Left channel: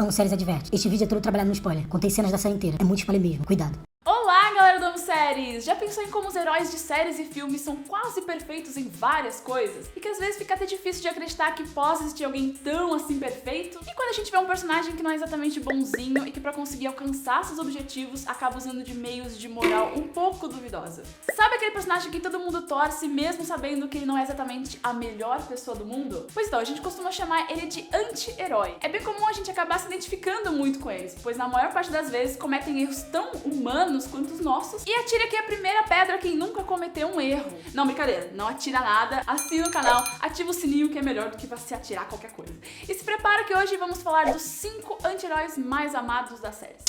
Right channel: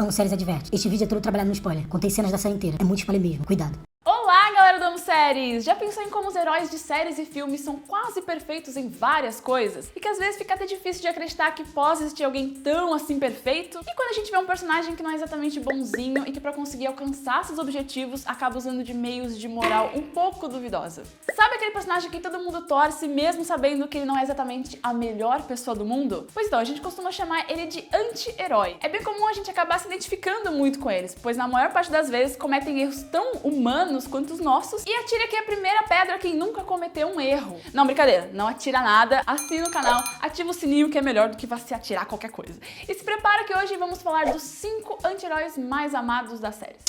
Amo Séries Adverte. Este vídeo é todo trabalhado no spoiler. Contei cenas da série inteira. É muito spoiler mesmo. Cuidado. Olá, galera do Amo Séries! Já pensou em como os heróis de séries e filmes são quase perfeitos em várias coisas? E que às vezes fica até difícil de acreditar que possa existir alguém tão assim perfeito? E quando a gente vê um personagem que não é exatamente bonzinho e que pra conseguir alcançar seus objetivos acaba usando de meios de moral um pouco duvidosa? Sabe aquele personagem que todo mundo torce mesmo sabendo que ele não é exatamente a melhor pessoa do mundo? Pois então, a gente costuma chamar ele de anti-herói. É bem comum a gente acabar se identificando muito com eles, pois na maior parte das vezes cometem erros tão humanos quanto os nossos e atira aqui a primeira pedra quem nunca cometeu um erro. Não, brincadeira, não atira nada, assina o canal, ativa o sininho que é melhor do que você atirar qualquer coisa. E se prepara que hoje vamos falar dos 5 anti-heróis mais amados das séries.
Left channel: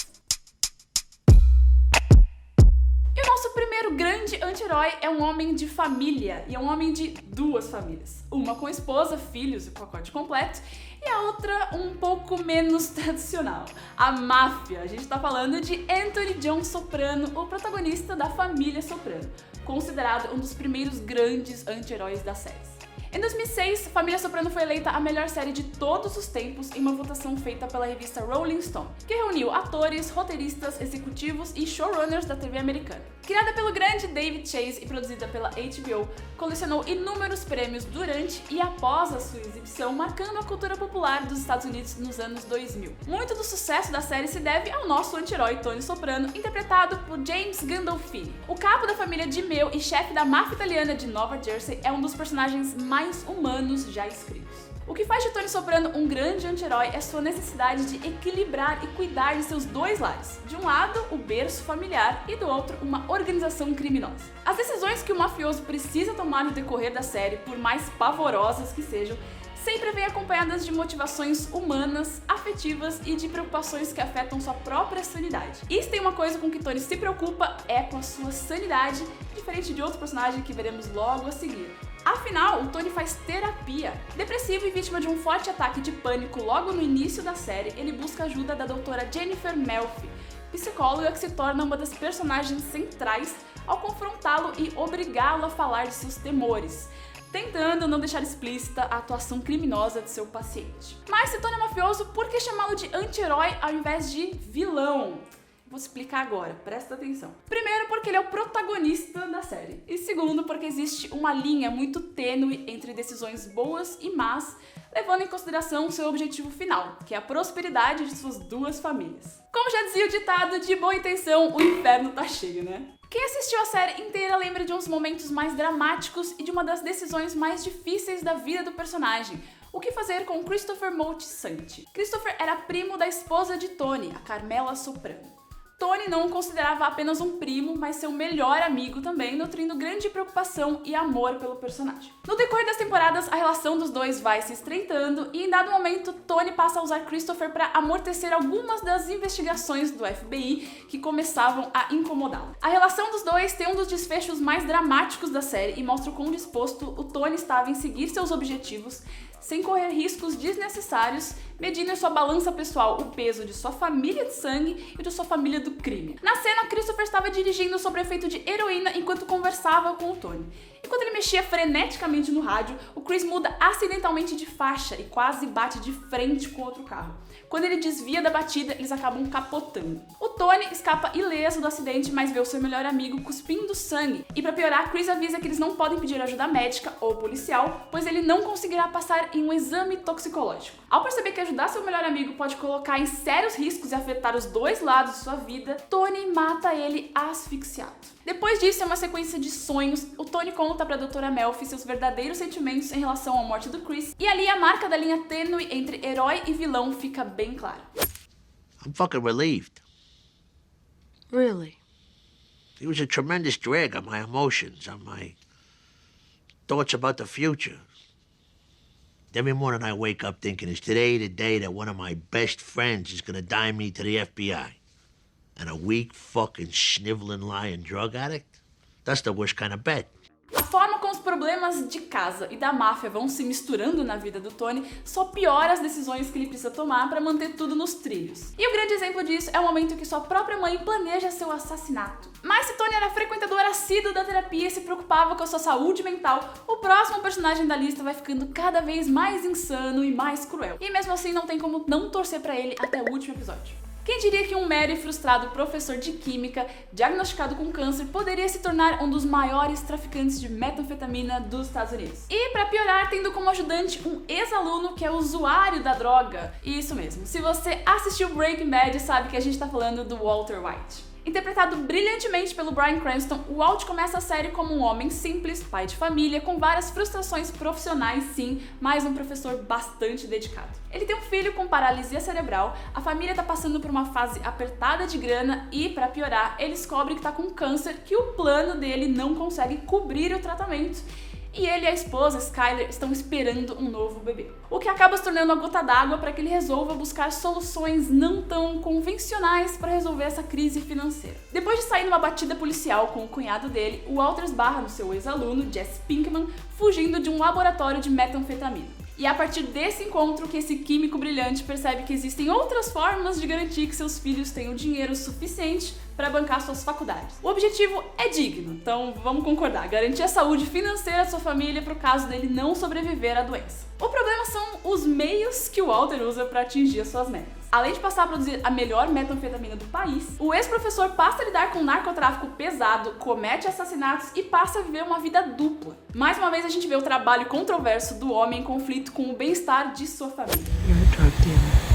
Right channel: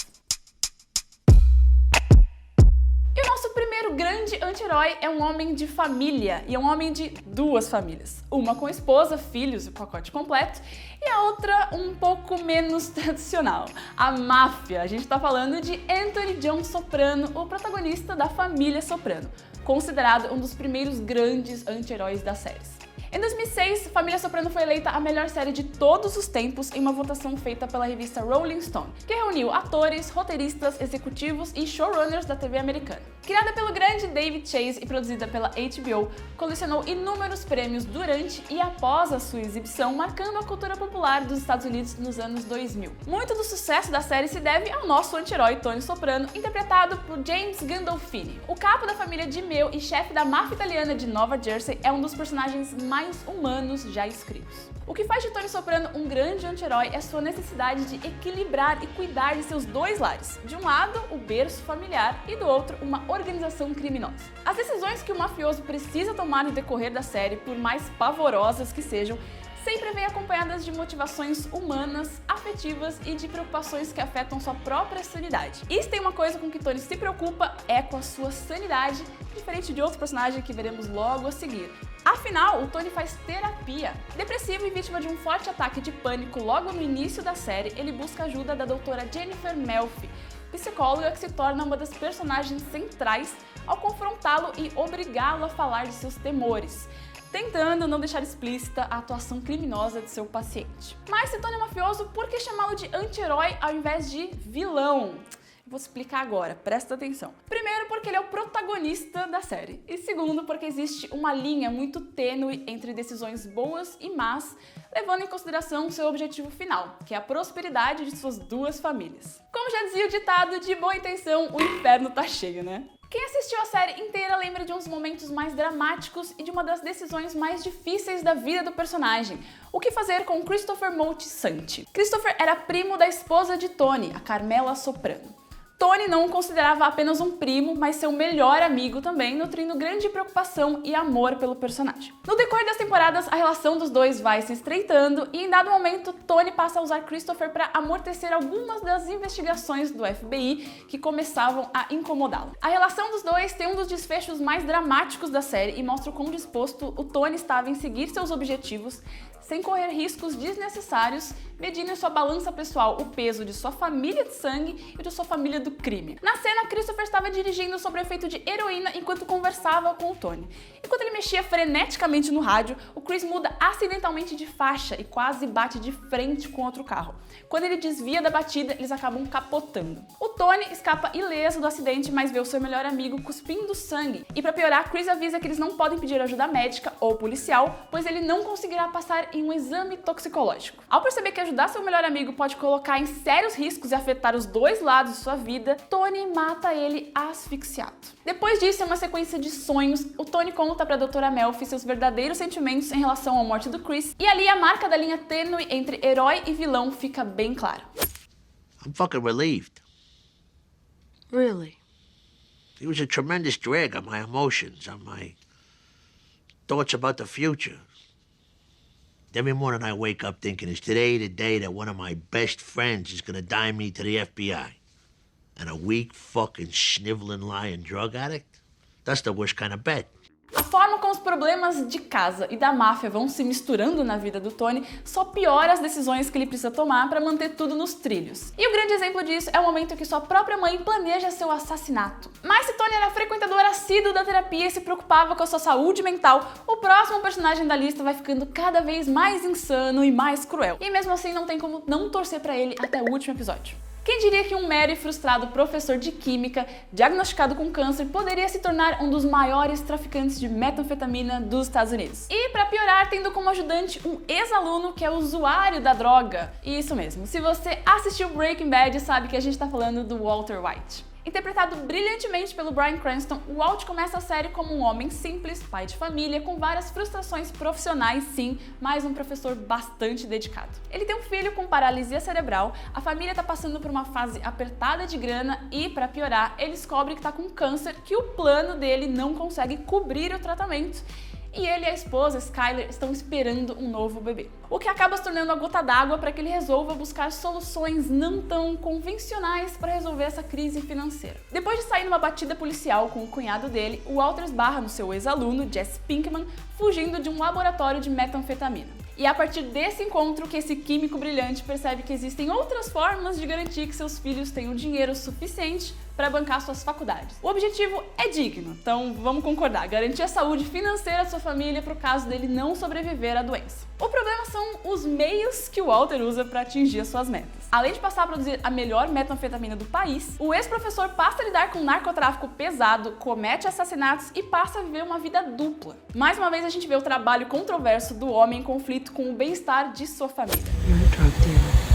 E o nosso primeiro grande anti-herói é um homem de família, e é um homem de duas famílias. Uma com esposa, filhos, o pacote completo, e a outra um pouco menos tradicional, a máfia. A gente tá falando de Anthony John Soprano, o protagonista da família Soprano, considerado um dos primeiros grandes anti-heróis das séries. Em 2006, Família Soprano foi eleita a melhor série de todos os tempos em uma votação feita pela revista Rolling Stone, que reuniu atores, roteiristas, executivos e showrunners da TV americana. Criada pelo grande David Chase e produzida pela HBO, colecionou inúmeros prêmios durante e após a sua exibição, marcando a cultura popular dos Estados Unidos nos anos 2000. Muito do sucesso da série se deve ao nosso anti-herói Tony Soprano, interpretado por James Gandolfini. O cabo da família de Mel e chefe da máfia italiana de Nova Jersey é um dos personagens mais humanos já escritos. O que faz de Tony Soprano um grande anti-herói é sua necessidade de equilibrar e cuidar de seus dois lares. De um lado, o berço familiar e do outro, uma organização criminosa. As decisões que o mafioso precisa tomar no decorrer da série, por mais pavorosas que sejam, sempre vêm acompanhadas de motivações humanas, afetivas e de preocupações que afetam sua própria sanidade. E se tem uma coisa com que Tony se preocupa, é com a sua sanidade, diferente de outro personagem que veremos logo a seguir. Afinal, o Tony faz terapia. Depressivo e vítima de um forte ataque de pânico logo no início da série, ele busca a ajuda da doutora Jennifer Melfi, psicóloga que se torna uma das personagens centrais ao confrontá-lo e obrigá-lo a falar de seus temores, tentando não deixar explícita a atuação criminosa de seu paciente. Mas se Tony é mafioso, por que chamá-lo de anti-herói ao invés de vilão? Vou explicar agora, presta atenção. Primeiro, porque ele é o protagonista da série. E segundo, porque existe uma linha muito tênue entre decisões boas e más, levando em consideração seu objetivo final, que é a prosperidade de suas duas famílias. Como já dizia o ditado, de boa intenção, o inferno tá cheio, né? Quem assistiu a série inteira lembra de uns momentos mais dramáticos e de uma das decisões mais difíceis da vida do personagem. O que fazer com Christopher Moltisanti? Christopher era primo da esposa de Tony, a Carmela Soprano. Tony não o considerava apenas um primo, mas seu melhor amigo também, nutrindo grande preocupação e amor pelo personagem. No decorrer das temporadas, a relação dos dois vai se estreitando e em dado momento, Tony passa a usar Christopher para amortecer algumas das investigações do FBI que começavam a incomodá-lo. A relação dos dois tem um dos desfechos mais dramáticos da série e mostra o quão disposto o Tony estava em seguir seus objetivos sem correr riscos desnecessários, medindo em sua balança pessoal o peso de sua família de sangue e de sua família do crime. Na cena, Christopher estava dirigindo sob o efeito de heroína enquanto conversava com o Tony. Enquanto ele mexia freneticamente no rádio, o Chris muda acidentalmente de faixa e quase bate de frente com outro carro. Quando ele desvia da batida, eles acabam capotando. O Tony escapa ileso do acidente, mas vê o seu melhor amigo cuspindo sangue. E pra piorar, Chris avisa que eles não podem pedir ajuda médica ou policial, pois ele não conseguirá passar em um exame toxicológico. Ao perceber que ajudar seu melhor amigo pode colocar em sérios riscos e afetar os dois lados de sua vida, Tony mata ele asfixiado. Depois disso, em uma sequência de sonhos, o Tony conta pra doutora Melfi seus verdadeiros sentimentos em relação à morte do Chris, e ali a marca da linha tênue entre herói e vilão fica bem clara. I'm fucking relieved. Really? It was a tremendous drag on my emotions, on my thoughts about the future. Every morning I wake up thinking, is today the day that one of my best friends is gonna dime me to the FBI? And a weak, fucking, sniveling, lying drug addict? That's the worst kind of bet. A forma como os problemas de casa e da máfia vão se misturando na vida do Tony, só piora as decisões que ele precisa tomar para manter tudo nos trilhos. E o grande exemplo disso é o momento que sua própria mãe planeja seu assassinato. Mas se Tony era frequentador assíduo da terapia e se preocupava com a sua saúde mental, o próximo personagem da lista vai ficando cada vez mais insano e mais cruel. E mesmo assim não tem como não torcer pra ele até o último episódio. Quem diria que um mero e frustrado professor de química, diagnosticado com câncer, poderia se tornar um dos maiores traficantes de metanfetamina dos Estados Unidos? E pra piorar, tendo como ajudante um ex-aluno que é usuário da droga. Isso mesmo, se você assistiu Breaking Bad, sabe que a gente tá falando do Walter White. Interpretado brilhantemente pelo Bryan Cranston, o Walt começa a série como um homem simples, pai de família, com várias frustrações profissionais, sim, mas um professor bastante dedicado. Ele tem um filho com paralisia cerebral, a família tá passando por uma fase apertada de grana e, pra piorar, ele descobre que tá com câncer que o plano dele não consegue cobrir o tratamento. E ele e a esposa, Skyler, estão esperando um novo bebê. O que acaba se tornando a gota d'água para que ele resolva buscar soluções não tão convencionais para resolver essa crise financeira. Depois de sair numa batida policial com o cunhado dele, o Walter esbarra no seu ex-aluno, Jesse Pinkman, fugindo de um laboratório de metanfetamina. E é a partir desse encontro que esse químico brilhante percebe que existem outras formas de garantir que seus filhos tenham dinheiro suficiente para bancar suas faculdades. O objetivo é digno, então vamos concordar, garantir a saúde financeira da sua família para o caso dele não sobreviver à doença. O problema são os meios que o Walter usa para atingir as suas metas. Além de passar a produzir a melhor metanfetamina do país, o ex-professor passa a lidar com narcotráfico pesado, comete assassinatos e passa a viver uma vida dupla. Mais uma vez a gente vê o trabalho controverso do homem em conflito com o bem-estar de sua família. You're a drug dealer.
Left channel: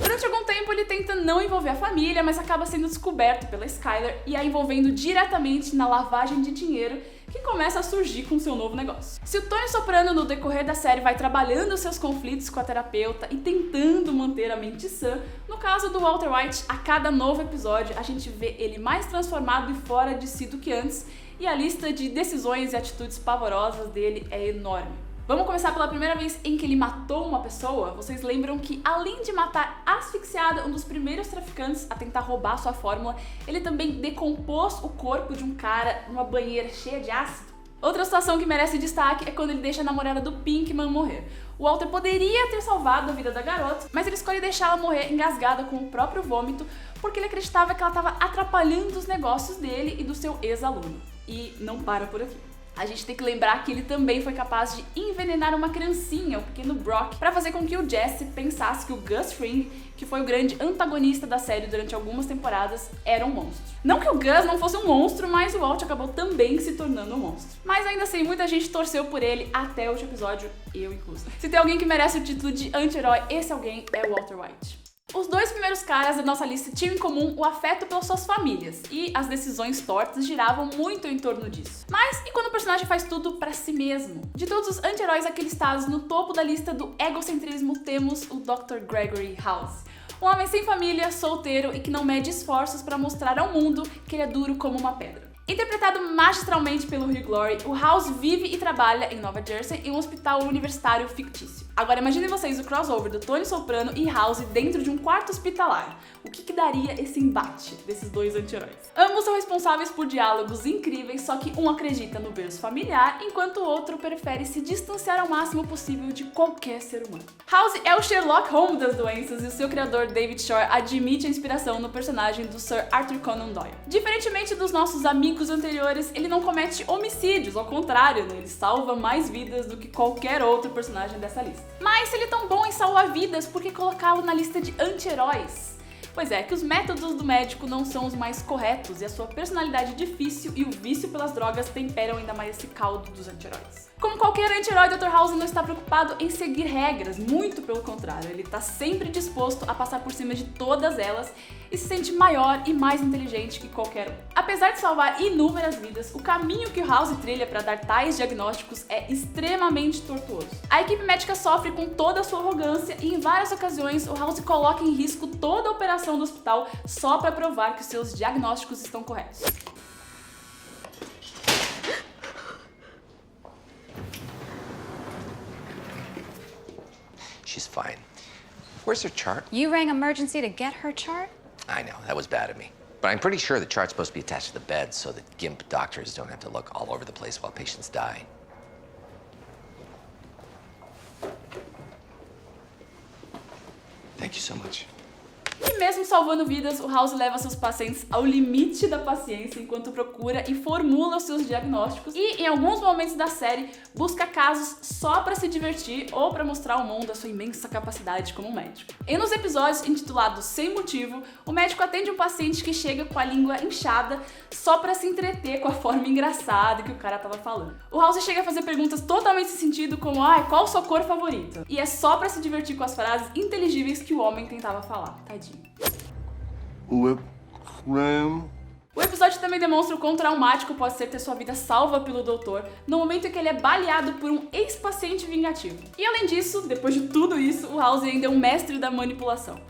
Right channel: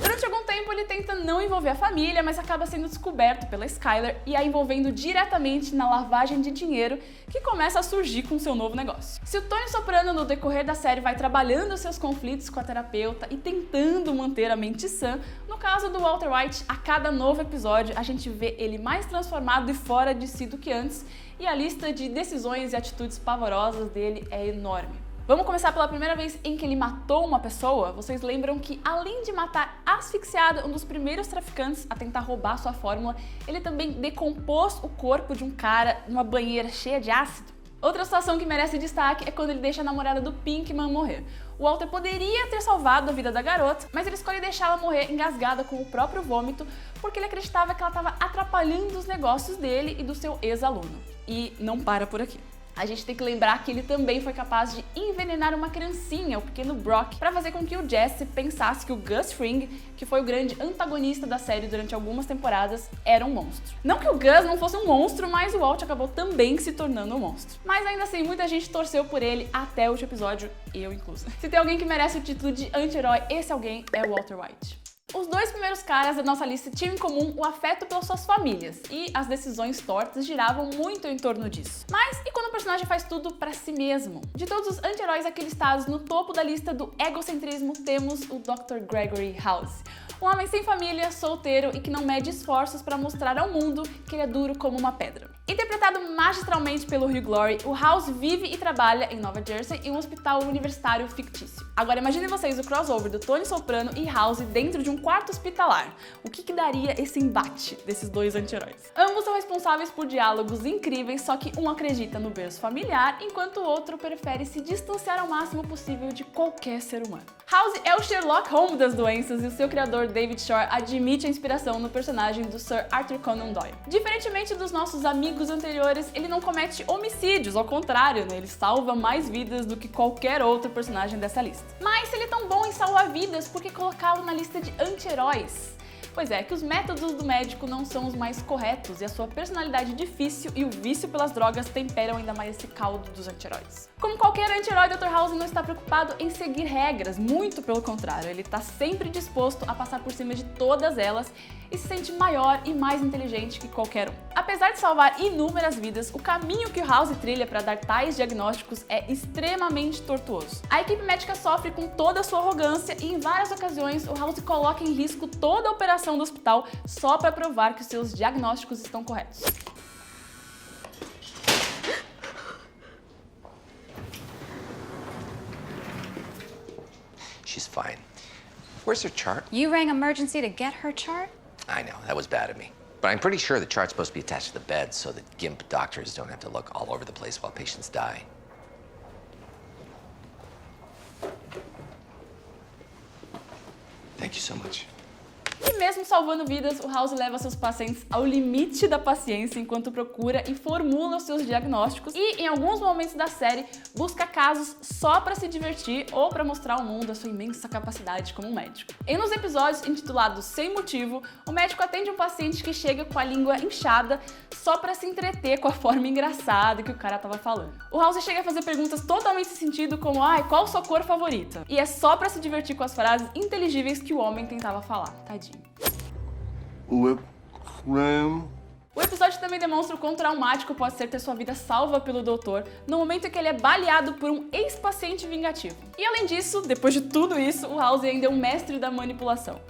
Durante algum tempo ele tenta não envolver a família, mas acaba sendo descoberto pela Skyler e a envolvendo diretamente na lavagem de dinheiro que começa a surgir com seu novo negócio. Se o Tony Soprano no decorrer da série vai trabalhando seus conflitos com a terapeuta e tentando manter a mente sã, no caso do Walter White, a cada novo episódio a gente vê ele mais transformado e fora de si do que antes, e a lista de decisões e atitudes pavorosas dele é enorme. Vamos começar pela primeira vez em que ele matou uma pessoa. Vocês lembram que, além de matar asfixiado um dos primeiros traficantes a tentar roubar sua fórmula, ele também decompôs o corpo de um cara numa banheira cheia de ácido? Outra situação que merece destaque é quando ele deixa a namorada do Pinkman morrer. O Walter poderia ter salvado a vida da garota, mas ele escolhe deixá-la morrer engasgada com o próprio vômito porque ele acreditava que ela estava atrapalhando os negócios dele e do seu ex-aluno. E não para por aqui. A gente tem que lembrar que ele também foi capaz de envenenar uma criancinha, o pequeno Brock, para fazer com que o Jesse pensasse que o Gus Fring, que foi o grande antagonista da série durante algumas temporadas, era um monstro. Não que o Gus não fosse um monstro, mas o Walt acabou também se tornando um monstro. Mas ainda assim, muita gente torceu por ele até o último episódio, eu incluso. Se tem alguém que merece o título de anti-herói, esse alguém é o Walter White. Os dois primeiros caras da nossa lista tinham em comum o afeto pelas suas famílias, e as decisões tortas giravam muito em torno disso. Mas e quando o personagem faz tudo pra si mesmo? De todos os anti-heróis aqui listados, no topo da lista do egocentrismo temos o Dr. Gregory House. Um homem sem família, solteiro e que não mede esforços pra mostrar ao mundo que ele é duro como uma pedra. Interpretado magistralmente pelo Hugh Laurie, o House vive e trabalha em Nova Jersey em um hospital universitário fictício. Agora imaginem vocês o crossover do Tony Soprano e House dentro de um quarto hospitalar. O que daria esse embate desses dois anti-heróis? Ambos são responsáveis por diálogos incríveis, só que um acredita no berço familiar, enquanto o outro prefere se distanciar ao máximo possível de qualquer ser humano. House é o Sherlock Holmes das doenças e o seu criador David Shore admite a inspiração no personagem do Sir Arthur Conan Doyle. Diferentemente dos nossos amigos anteriores, ele não comete homicídios, ao contrário, né? Ele salva mais vidas do que qualquer outro personagem dessa lista. Mas se ele é tão bom em salvar vidas, por que colocá-lo na lista de anti-heróis? Pois é, que os métodos do médico não são os mais corretos e a sua personalidade difícil e o vício pelas drogas temperam ainda mais esse caldo dos anti-heróis. Como qualquer anti-herói, Dr. House não está preocupado em seguir regras, muito pelo contrário, ele está sempre disposto a passar por cima de todas elas e se sente maior e mais inteligente que qualquer um. Apesar de salvar inúmeras vidas, o caminho que o House trilha para dar tais diagnósticos é extremamente tortuoso. A equipe médica sofre com toda a sua arrogância e em várias ocasiões o House coloca em risco toda a operação do hospital só para provar que os seus diagnósticos estão corretos. She's fine. Where's her chart? You rang emergency to get her chart? I know, that was bad of me. But I'm pretty sure the chart's supposed to be attached to the bed so that GIMP doctors don't have to look all over the place while patients die. Thank you so much. E mesmo salvando vidas, o House leva seus pacientes ao limite da paciência enquanto procura e formula os seus diagnósticos e, em alguns momentos da série, busca casos só pra se divertir ou pra mostrar ao mundo a sua imensa capacidade como médico. Em um dos episódios intitulados Sem Motivo, o médico atende um paciente que chega com a língua inchada só pra se entreter com a forma engraçada que o cara tava falando. O House chega a fazer perguntas totalmente sem sentido como qual sua cor favorita? E é só pra se divertir com as frases inteligíveis que o homem tentava falar. Tadinho. Whip cream. O episódio também demonstra o quão traumático pode ser ter sua vida salva pelo doutor no momento em que ele é baleado por um ex-paciente vingativo. E além disso, depois de tudo isso, o House ainda é um mestre da manipulação.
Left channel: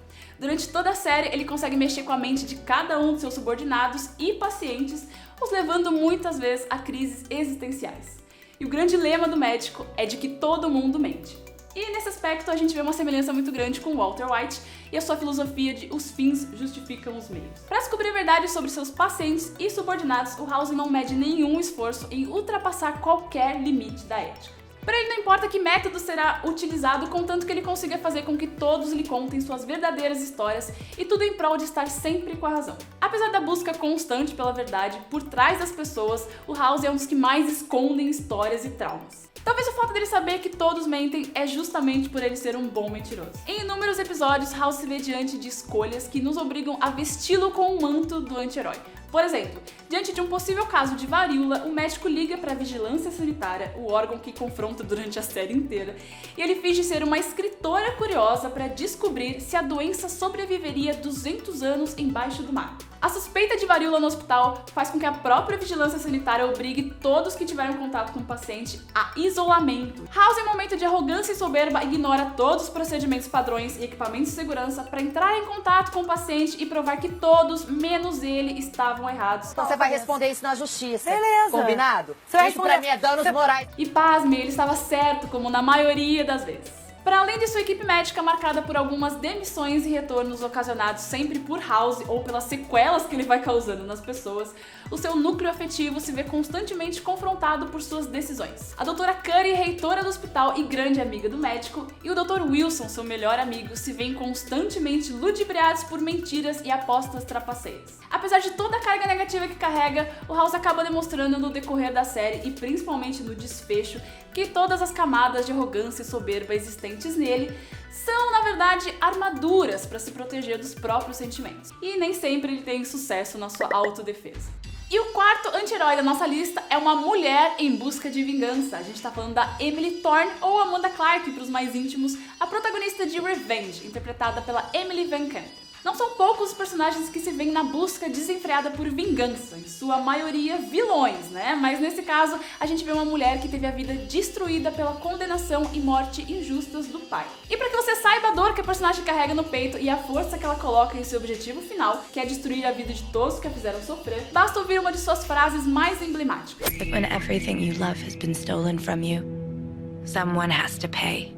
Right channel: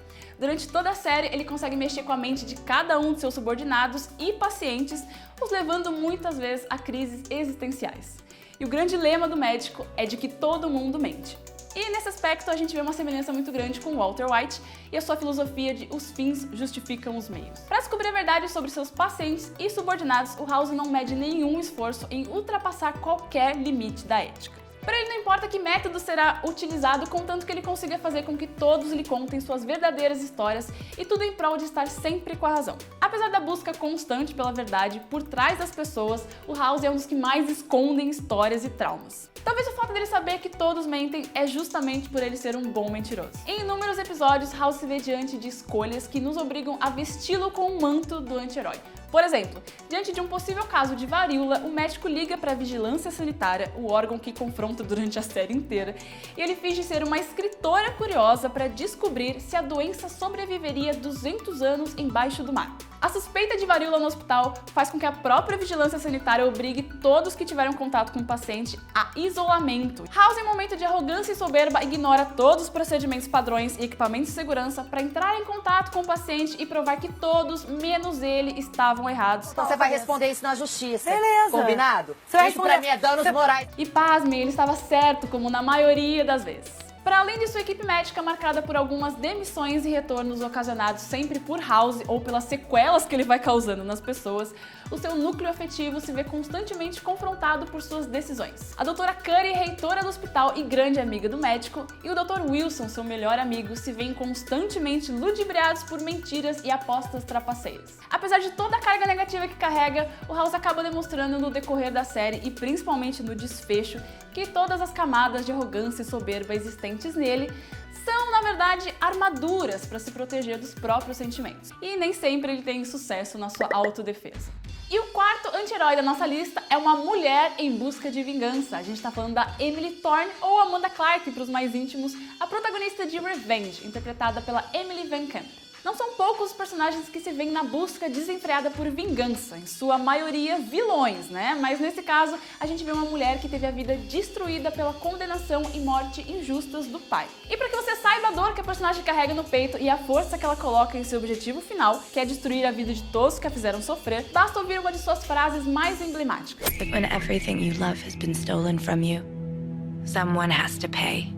Durante toda a série, ele consegue mexer com a mente de cada um de seus subordinados e pacientes, os levando muitas vezes a crises existenciais. E o grande lema do médico é de que todo mundo mente. E nesse aspecto a gente vê uma semelhança muito grande com Walter White e a sua filosofia de os fins justificam os meios. Para descobrir a verdade sobre seus pacientes e subordinados, o House não mede nenhum esforço em ultrapassar qualquer limite da ética. Porém, não importa que método será utilizado, contanto que ele consiga fazer com que todos lhe contem suas verdadeiras histórias e tudo em prol de estar sempre com a razão. Apesar da busca constante pela verdade, por trás das pessoas, o House é um dos que mais escondem histórias e traumas. Talvez o fato dele saber que todos mentem é justamente por ele ser um bom mentiroso. Em inúmeros episódios, House se vê diante de escolhas que nos obrigam a vesti-lo com o manto do anti-herói. Por exemplo, diante de um possível caso de varíola, o médico liga para a vigilância sanitária, o órgão que confronta durante a série inteira, e ele finge ser uma escritora curiosa para descobrir se a doença sobreviveria 200 anos embaixo do mar. A suspeita de varíola no hospital faz com que a própria vigilância sanitária obrigue todos que tiveram contato com o paciente a isolamento. House, em um momento de arrogância e soberba, ignora todos os procedimentos padrões e equipamentos de segurança para entrar em contato com o paciente e provar que todos, menos ele, estavam errados. Então você vai responder isso na justiça. Beleza. Combinado? Você vai Isso pra mim é danos morais. E pasmem, ele estava certo, como na maioria das vezes. Para além de sua equipe médica marcada por algumas demissões e retornos ocasionados sempre por House ou pelas sequelas que ele vai causando nas pessoas, o seu núcleo afetivo se vê constantemente confrontado por suas decisões. A doutora Curry, reitora do hospital e grande amiga do médico, e o Dr. Wilson, seu melhor amigo, se veem constantemente ludibriados por mentiras e apostas trapaceiras. Apesar de toda a carga negativa que carrega, o House acaba demonstrando no decorrer da série e principalmente no desfecho que todas as camadas de arrogância e soberba existentes nele são, na verdade, armaduras para se proteger dos próprios sentimentos. E nem sempre ele tem sucesso na sua autodefesa. E o quarto anti-herói da nossa lista é uma mulher em busca de vingança. A gente tá falando da Emily Thorne, ou Amanda Clarke para os mais íntimos, a protagonista de Revenge, interpretada pela Emily Van Camp. Não são poucos os personagens que se veem na busca desenfreada por vingança, em sua maioria vilões, né? Mas nesse caso, a gente vê uma mulher que teve a vida destruída pela condenação e morte injustas do pai. E para que você saiba a dor que o personagem carrega no peito e a força que ela coloca em seu objetivo final, que é destruir a vida de todos que a fizeram sofrer, basta ouvir uma de suas frases mais emblemáticas. When everything you love has been stolen from you, someone has to pay.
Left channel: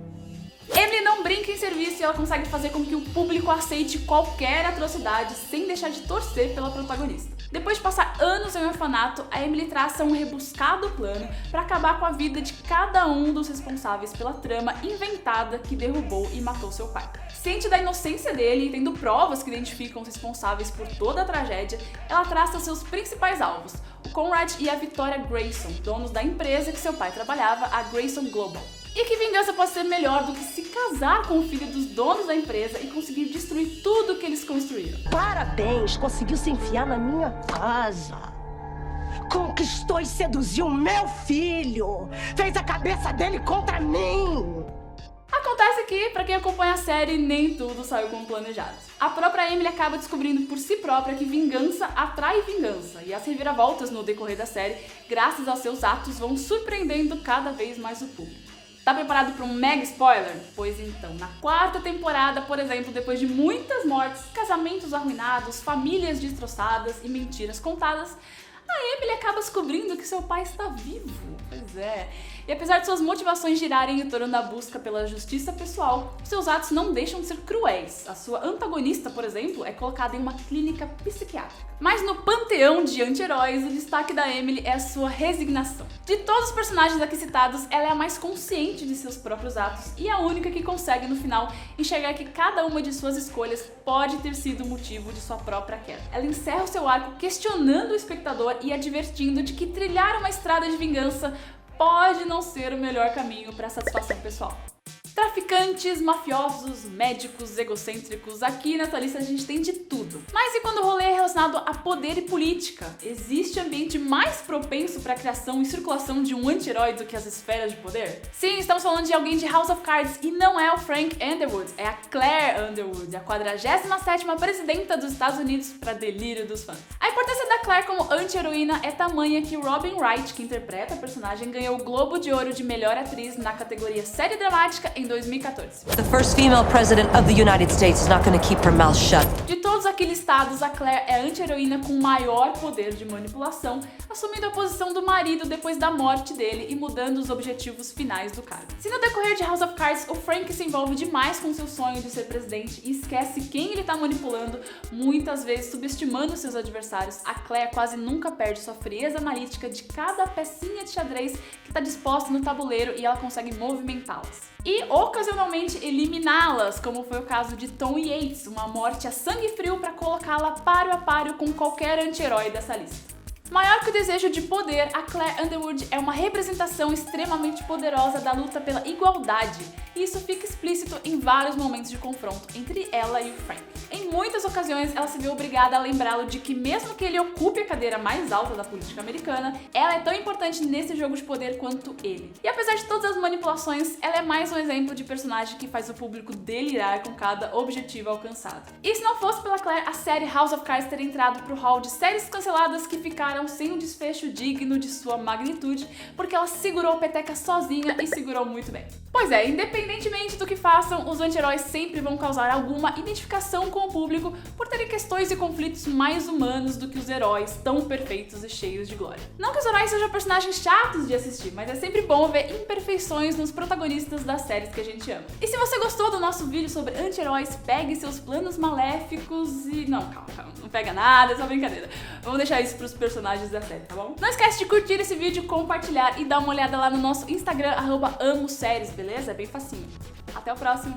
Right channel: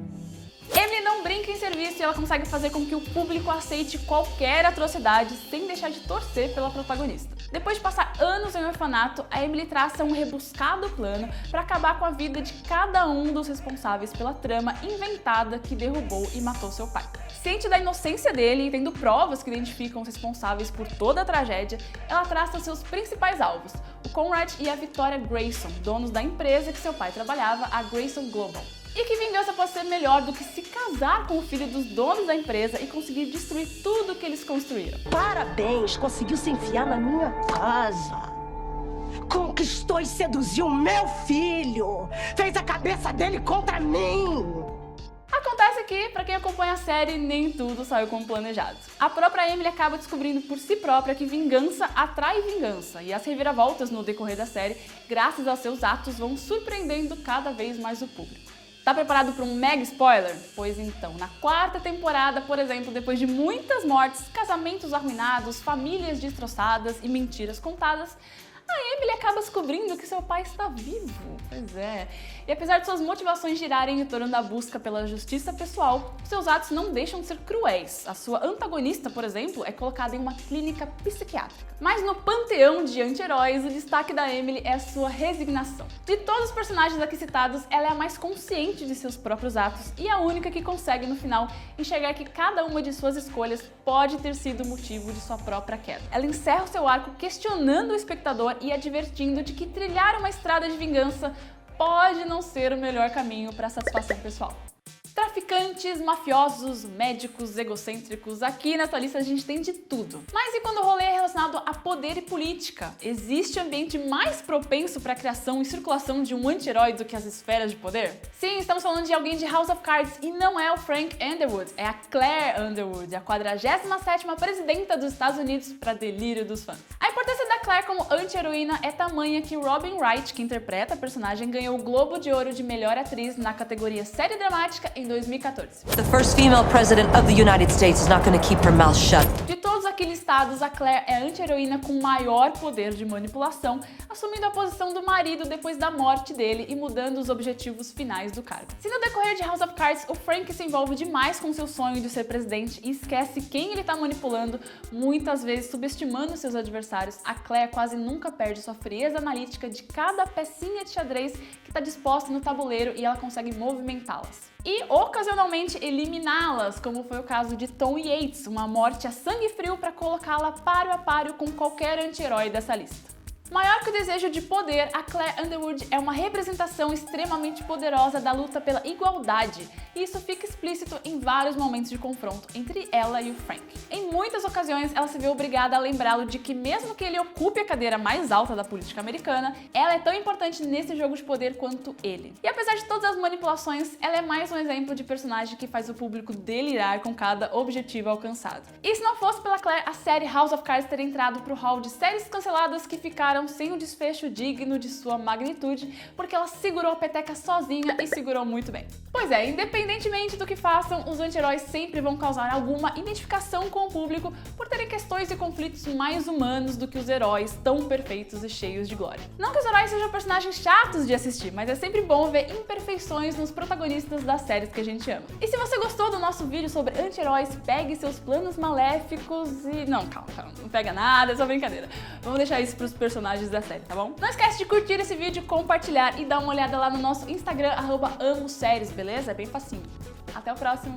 Emily não brinca em serviço e ela consegue fazer com que o público aceite qualquer atrocidade sem deixar de torcer pela protagonista. Depois de passar anos em um orfanato, a Emily traça um rebuscado plano para acabar com a vida de cada um dos responsáveis pela trama inventada que derrubou e matou seu pai. Ciente da inocência dele e tendo provas que identificam os responsáveis por toda a tragédia, ela traça seus principais alvos, o Conrad e a Victoria Grayson, donos da empresa que seu pai trabalhava, a Grayson Global. E que vingança pode ser melhor do que se casar com o filho dos donos da empresa e conseguir destruir tudo que eles construíram? Parabéns, conseguiu se enfiar na minha casa. Conquistou e seduziu meu filho. Fez a cabeça dele contra mim. Acontece que, pra quem acompanha a série, nem tudo saiu como planejado. A própria Emily acaba descobrindo por si própria que vingança atrai vingança, e as reviravoltas no decorrer da série, graças a seus atos, vão surpreendendo cada vez mais o público. Tá preparado para um mega spoiler? Pois então, na quarta temporada, por exemplo, depois de muitas mortes, casamentos arruinados, famílias destroçadas e mentiras contadas, a Emily acaba descobrindo que seu pai está vivo. Pois é. E apesar de suas motivações girarem em torno da busca pela justiça pessoal, seus atos não deixam de ser cruéis. A sua antagonista, por exemplo, é colocada em uma clínica psiquiátrica. Mas no panteão de anti-heróis, o destaque da Emily é a sua resignação. De todos os personagens aqui citados, ela é a mais consciente de seus próprios atos e a única que consegue, no final, enxergar que cada uma de suas escolhas pode ter sido motivo de sua própria queda. Ela encerra o seu arco questionando o espectador e advertindo de que trilhar uma estrada de vingança pode não ser o melhor caminho para a satisfação pessoal. Traficantes, mafiosos, médicos, egocêntricos, aqui nessa lista a gente tem de tudo. Mas e quando o rolê é relacionado a poder e política? Existe ambiente mais propenso para a criação e circulação de um anti-herói do que as esferas de poder? Sim, estamos falando de alguém de House of Cards e não é o Frank Underwood, é a Claire Underwood, a 47ª presidenta dos Estados Unidos, para delírio dos fãs. A importância da Claire como anti-heroína é tamanha que Robin Wright, que interpreta a personagem, ganhou o Globo de Ouro de melhor atriz na categoria série dramática em 2014. The first female president of the United States is not going to keep her mouth shut. De todos aqui listados, a Claire é a anti-heroína com maior poder de manipulação, assumindo a posição do marido depois da morte dele e mudando os objetivos finais do cargo. Se no decorrer de House of Cards, o Frank se envolve demais com seu sonho de ser presidente e esquece quem ele está manipulando, muitas vezes subestimando seus adversários, a Claire quase nunca perde sua frieza analítica de cada pecinha de xadrez que está disposta no tabuleiro e ela consegue movimentá-las. E, ocasionalmente, eliminá-las, como foi o caso de Tom Yates, uma morte a sangue frio para colocá-la páreo a páreo com qualquer anti-herói dessa lista. Maior que o desejo de poder, a Claire Underwood é uma representação extremamente poderosa da luta pela igualdade, e isso fica explícito em vários momentos de confronto entre ela e o Frank. Em muitas ocasiões, ela se vê obrigada a lembrá-lo de que mesmo que ele ocupe a cadeira mais alta da política americana, ela é tão importante nesse jogo de poder quanto ele. E apesar de todas as manipulações, ela é mais um exemplo de personagem que faz o público delirar com cada objetivo alcançado. E se não fosse pela Claire, a série House of Cards teria entrado pro hall de séries canceladas que ficaram sem um desfecho digno de sua magnitude, porque ela segurou a peteca sozinha e segurou muito bem. Pois é, independentemente do que façam, os anti-heróis sempre vão causar alguma identificação com o público por terem questões e conflitos mais humanos do que os heróis tão perfeitos e cheios de glória. Não que os heróis sejam personagens chatos de assistir, mas é sempre bom ver imperfeições nos protagonistas das séries que a gente ama. E se você gostou do nosso vídeo sobre anti-heróis, pegue seus planos maléficos e... Não, calma, não pega nada, é só brincadeira. Vamos deixar isso pros personagens da série, tá bom? Não esquece de curtir esse vídeo, compartilhar e dar uma olhada lá no nosso Instagram, @amoséries, beleza? É bem facinho. Até o próximo!